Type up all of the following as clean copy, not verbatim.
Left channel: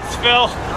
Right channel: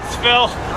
Thanks, Phil.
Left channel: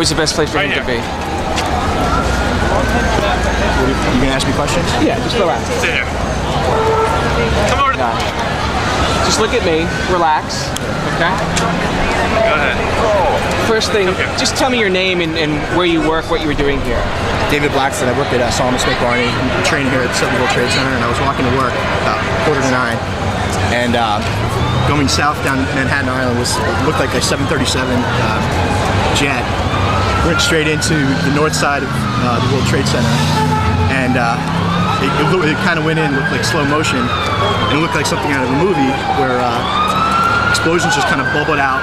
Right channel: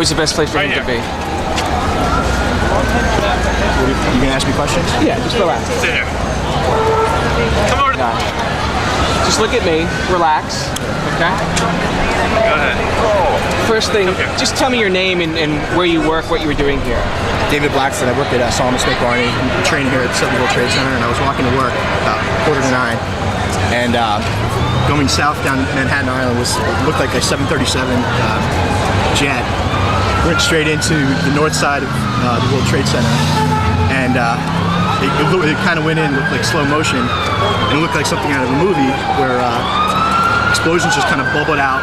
Where's the best place for him to be? You gonna ask me questions? Yeah, just relax. There. Come over. Just look at me, relax, okay? Go ahead. First thing, just tell me your name and where you work, what you were doing here. David Blackford. I work at Solomon Smith Barney. I'm training here at the Silver World Trade Center, and I was walking to work about 8:45, and going south down Manhattan Island looked like a 737 jet. Went straight into the north side of the World Trade Center, and it kind of went in, looked like slow motion, and it looked like something out of a movie where explosions just kind of bubbled out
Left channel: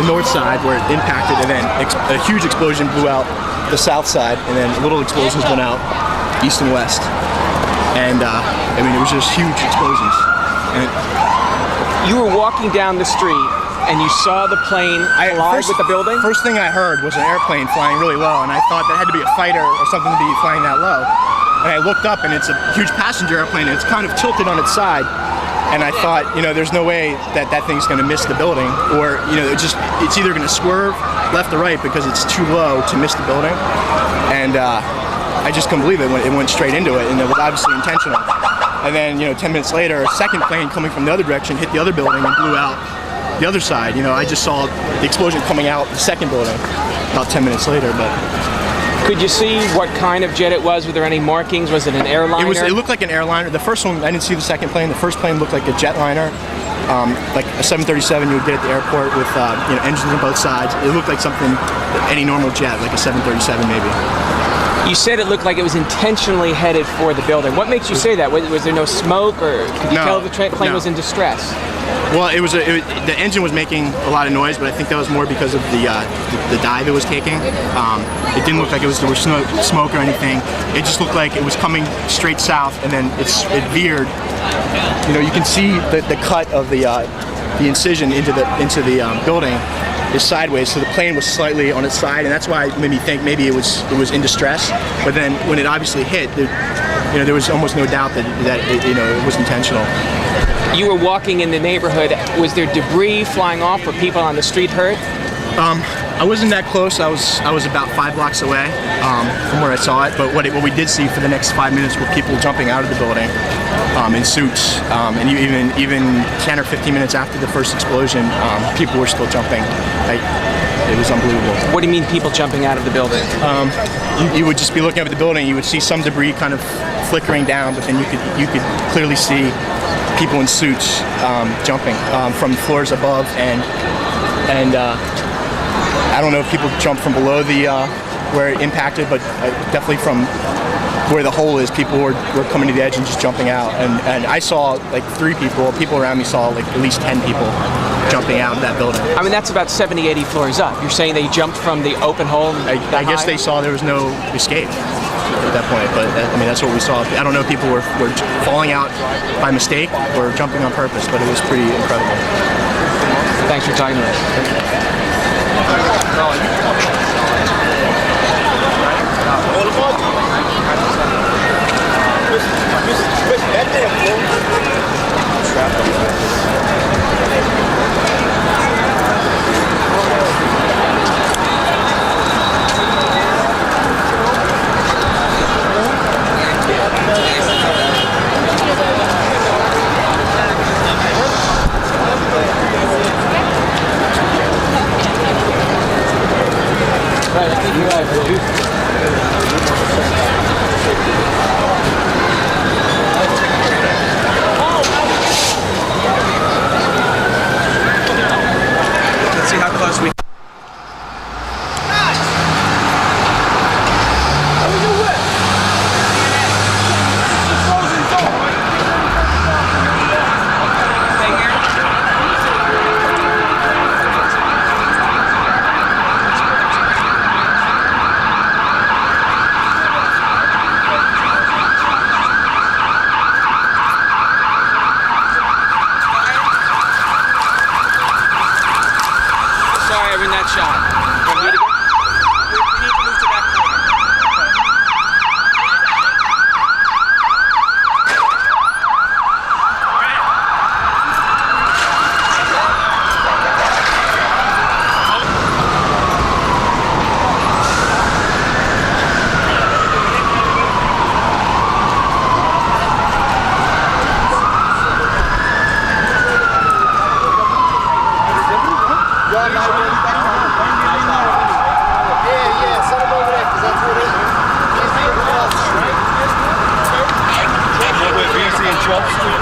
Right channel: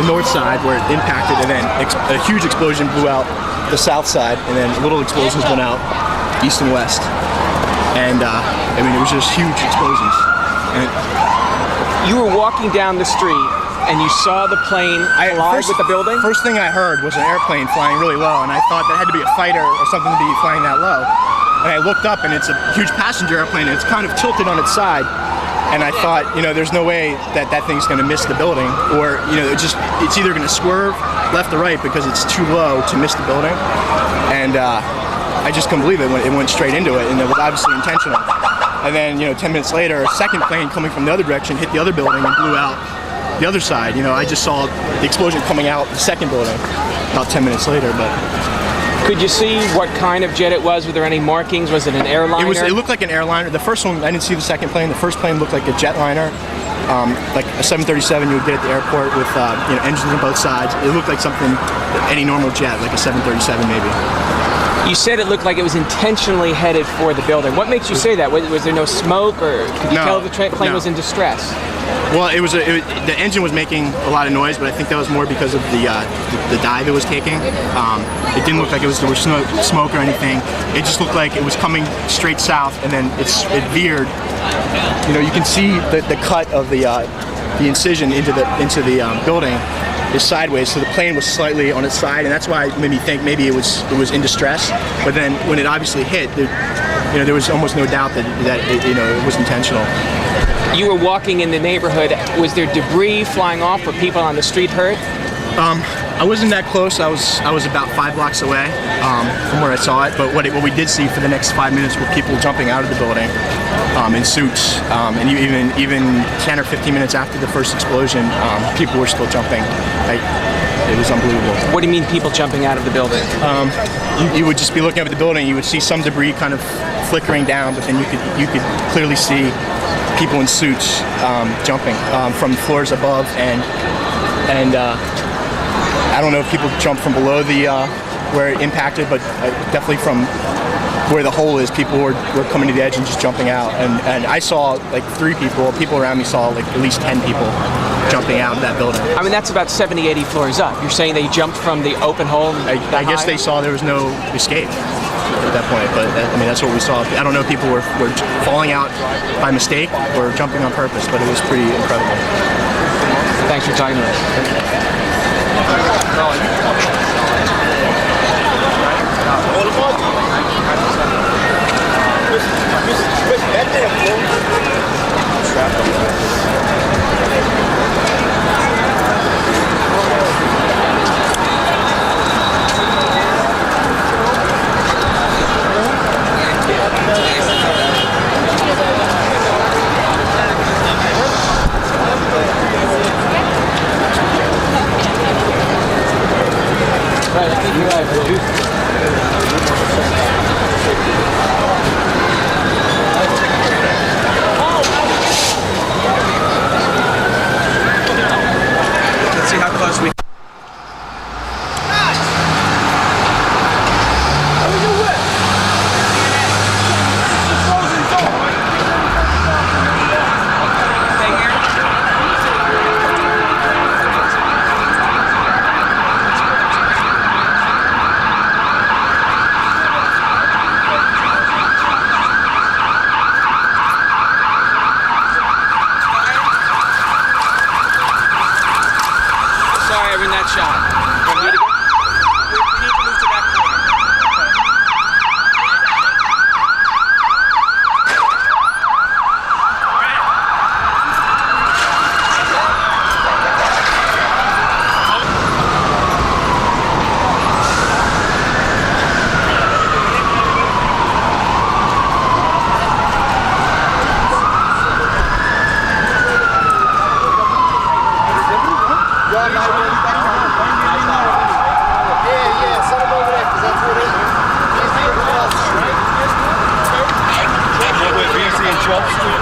the north side where it impacted, and then a huge explosion blew out the south side, and then little explosions went out east and west. And I mean, it was just huge explosions. And you were walking down the street and you saw the plane collide with the building? First thing I heard was an airplane flying really low, and I thought that had to be a fighter or something to be flying that low. And I looked up, and it's a huge passenger airplane, and it's kind of tilted on its side. And I thought, you know, there's no way that that thing's going to miss the building, or, you know, it's either going to swerve left or right because it's too low to miss the building. And I just couldn't believe it. It went straight into it, and it was obviously intentional. And then, you know, 10 minutes later, a second plane coming from the other direction hit the other building and blew out the other side. You know, I just saw the explosion coming out the second building about 10 minutes later. But could you see what kind of jet it was? Were there any markings? Was it an airliner? It looked like an airliner. The first one, I didn't see the second plane. The first plane looked like a jetliner, like a 737 you would get at the airport with you know, engines on both sides. It looked like something, any normal jet, like a 737 maybe. You said it looked like it was intentionally headed for the building. What makes you say that? Was there no smoke, or could you tell the plane was in distress? Well, the engine was making a lot of noise, but I think that was more because of the dive it was taking. It didn't look like there was smoke or anything. It just looked like it was coming straight south, and then it veered. You know, you can see the cut of the incision into the building is sideways, so the plane was slightly on its side, and that's why it made me think maybe it was in distress. But then when it obviously hit, there was almost no doubt that it was intentional. You were walking in the neighborhood. Was there debris flying off? Were people on the street hurt? I wasn't that close. I was about 5 blocks away from where I saw it. But what we did see for the next 5 minutes were people jumping out of the building in suits, and even 10 or 15 minutes after the first explosion, people were still jumping. It was unbelievable. What do you mean, people jumping out of the building? You would just be looking at the building. You would see some debris kind of flickering down, but then you could clearly see people in suits jumping from floors above, and I don't know if people jumped from below where it impacted, but definitely from where the hole is, people were coming to the edge and just jumping out. And I saw like 3 people. People around me saw like at least 10 people jumping out of that building. I mean, that's about 70, 80 floors up. You're saying they jumped from the open hole? I guess they saw there was no escape at that point, but I mean, that's what we saw. I don't know if people were falling out by mistake or jumping on purpose, but it was pretty incredible. Thanks for talking to us. Let's see how close we. Sorry, I'm in that shot. Can we do it again? We need to move to that corner. Send him over there, because that's what it is. WTC and 12th Street.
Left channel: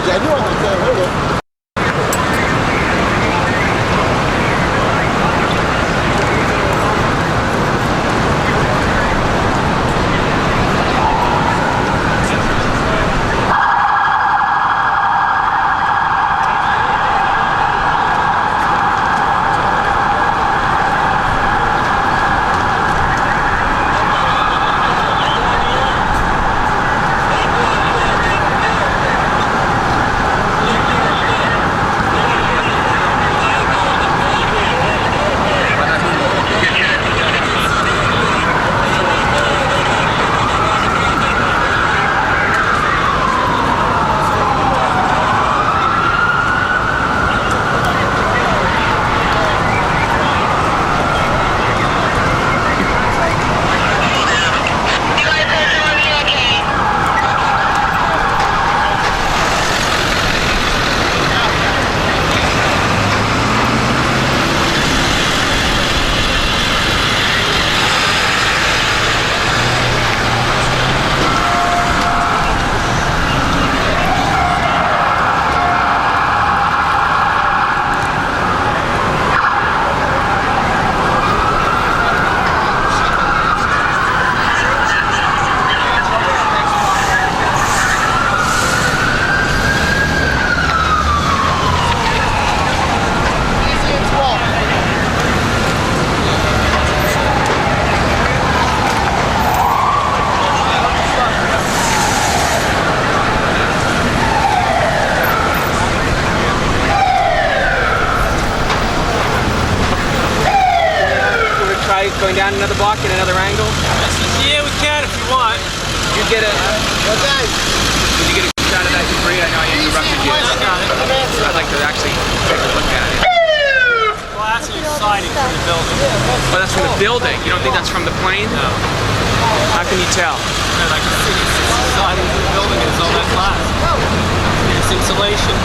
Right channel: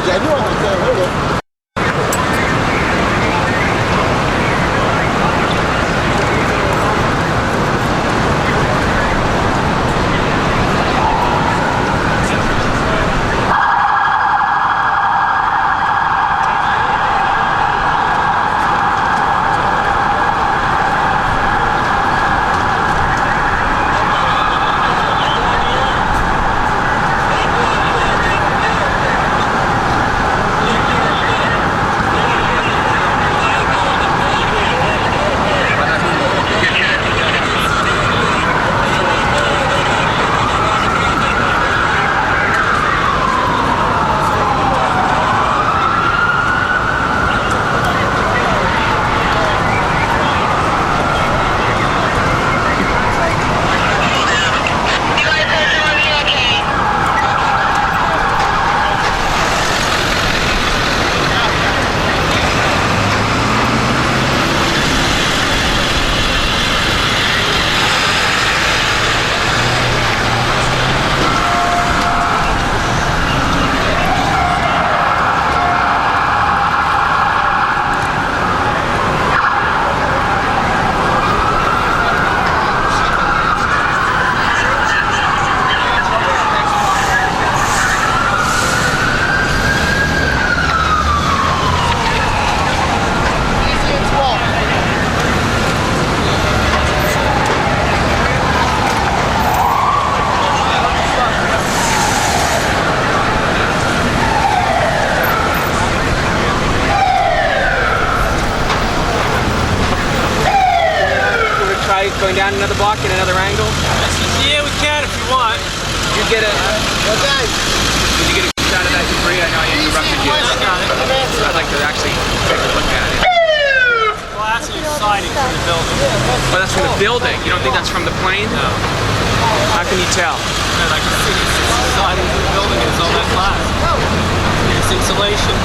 edge. I knew I could hit it. Going down another block at another angle? Yeah, we can if you want. You get a... Okay. Did you get a good shot of that debris? I know I interrupted you. I'd like to actually take a look at it. Glass is sliding from the building. Oh, that's from the building? You don't think that's from the plane? No. How can you tell? And I can see it's sliding from the building. It's all that glass. It's insulation.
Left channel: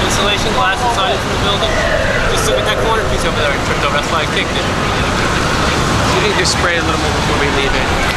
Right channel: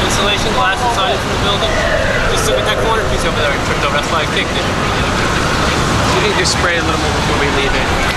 Insulation glass is sliding from the building. Just look at that corner piece over there. It tripped over. That's why I kicked it. You can just spray a little more before we leave it.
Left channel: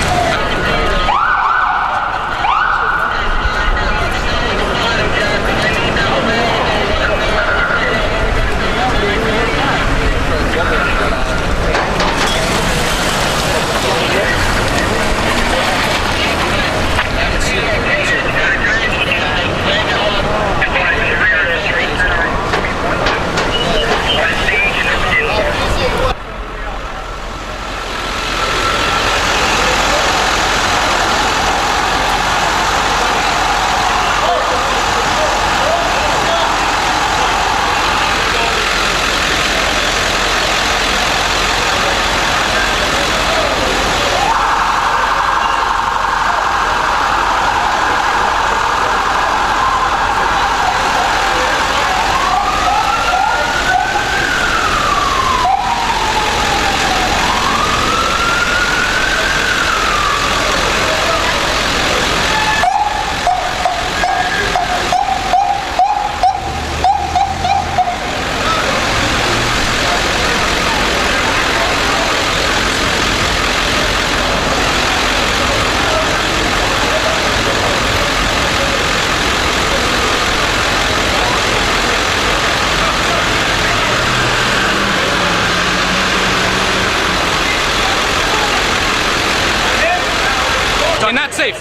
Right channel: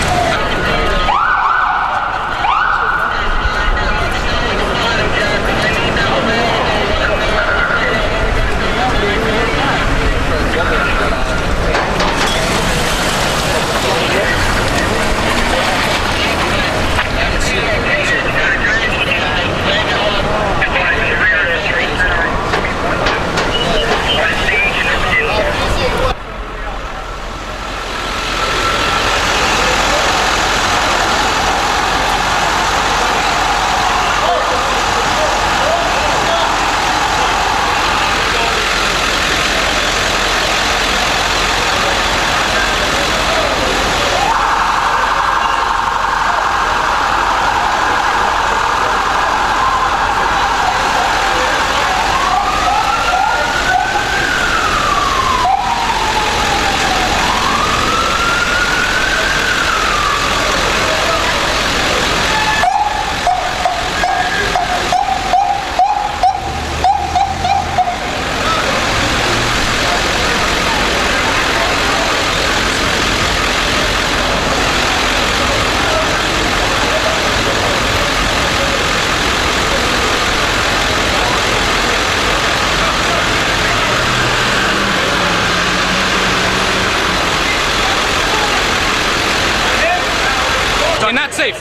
You're not safe.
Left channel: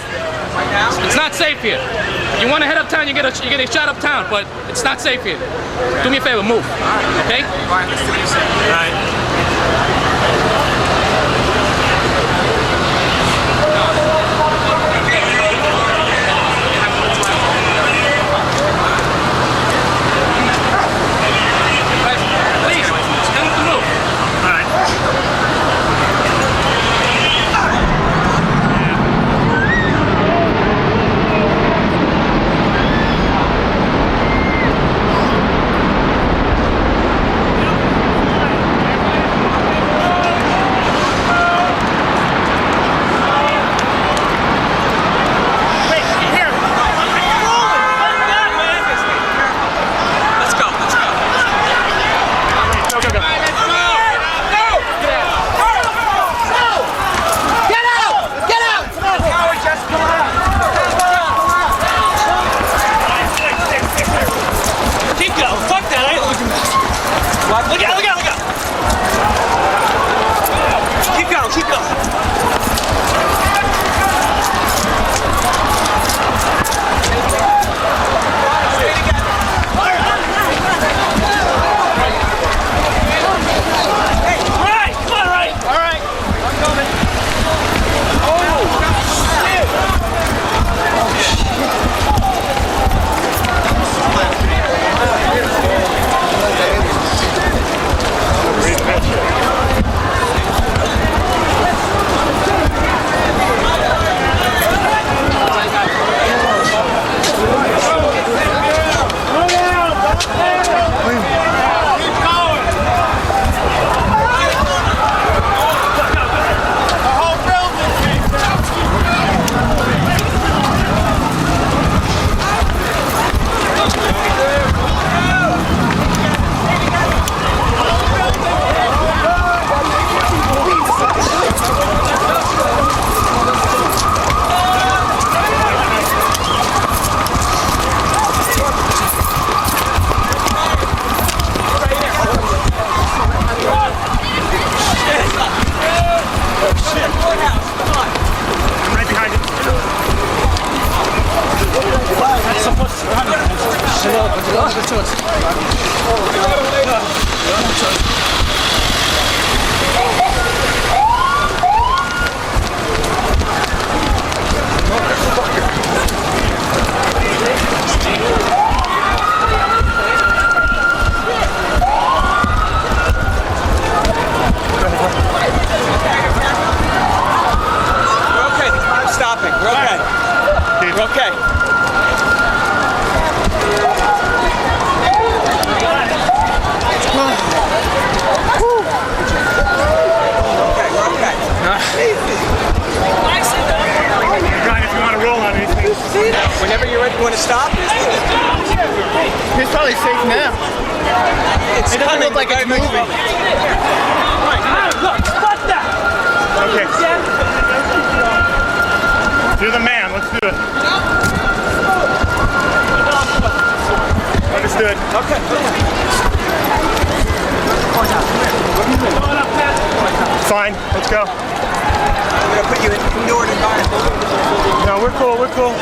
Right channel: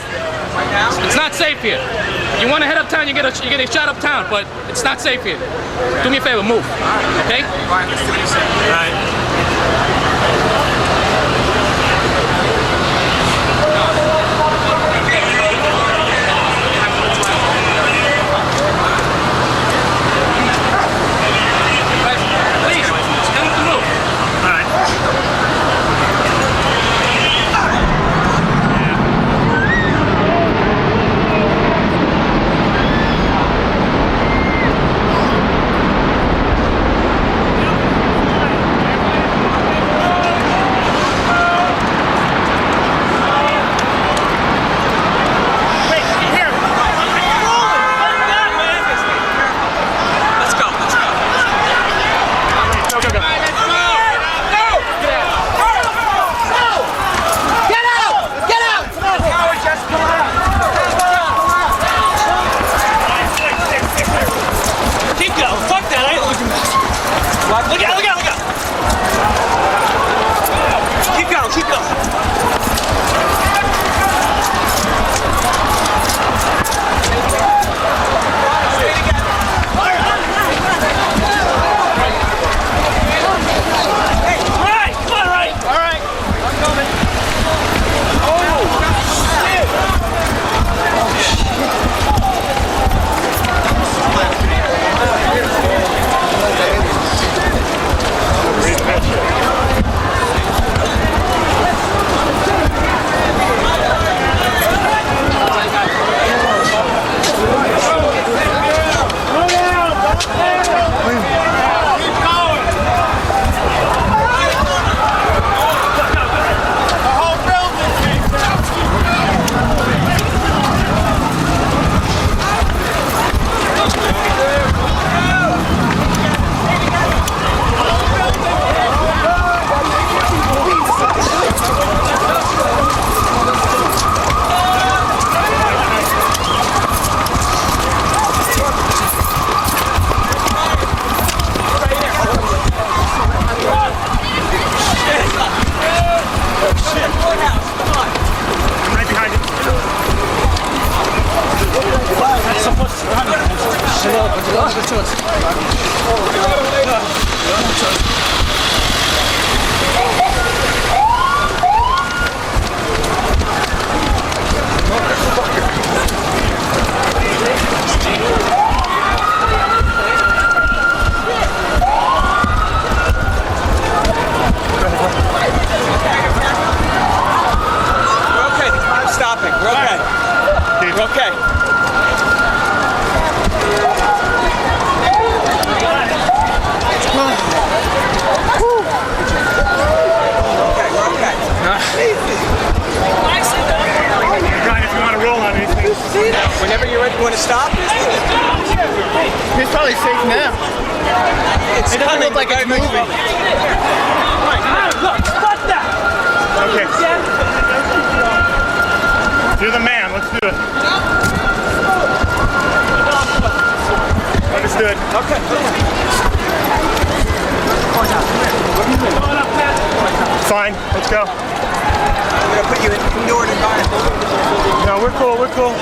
It's not safe here. You want to head uptown, you get a shot uptown, but it's not safe here. Do me a favor, move. Okay? Right. Whenever you're ready, you want to stop? It's probably safe now. It doesn't look like it's moving. Okay. You're the man. Let's do it. Let's do it. Okay. Fine. Let's go. I'm going to put you in indoor environment. No, we're cool. We're cool.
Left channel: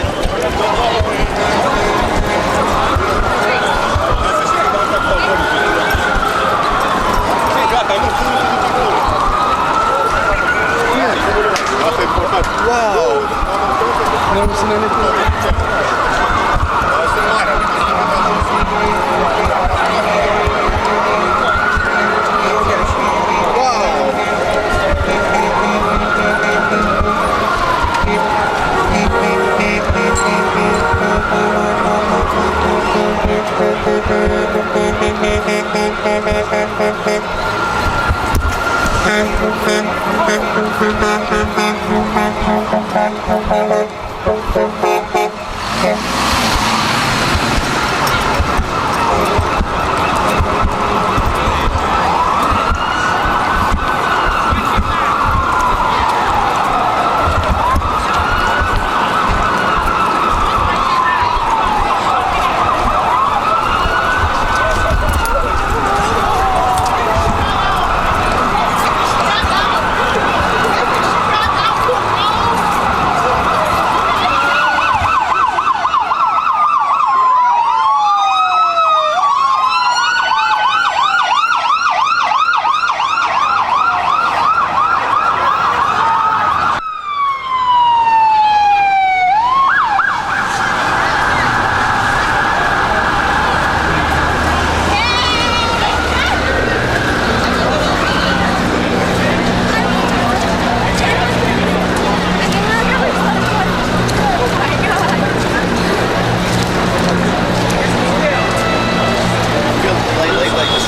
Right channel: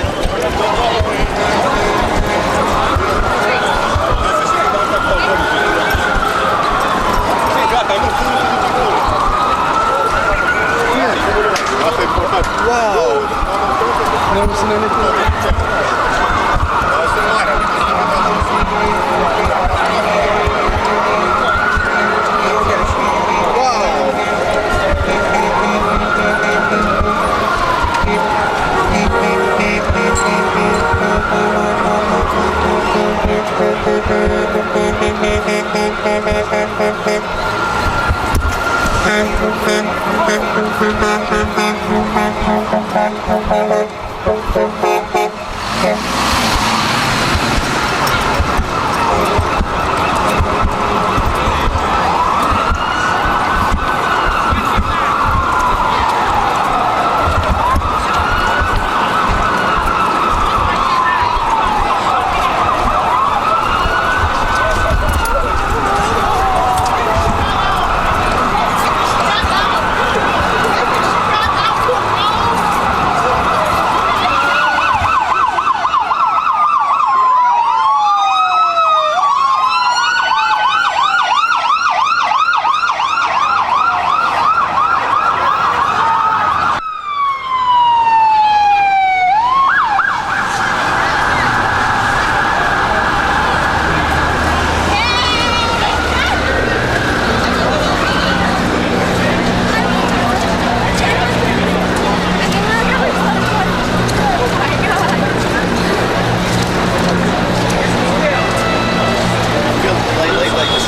Wow. Never seen anything.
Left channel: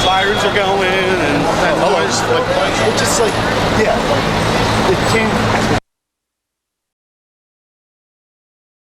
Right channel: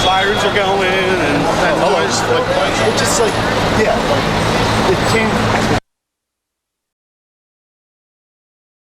Sirens are going and noise. It's just like, yeah, it came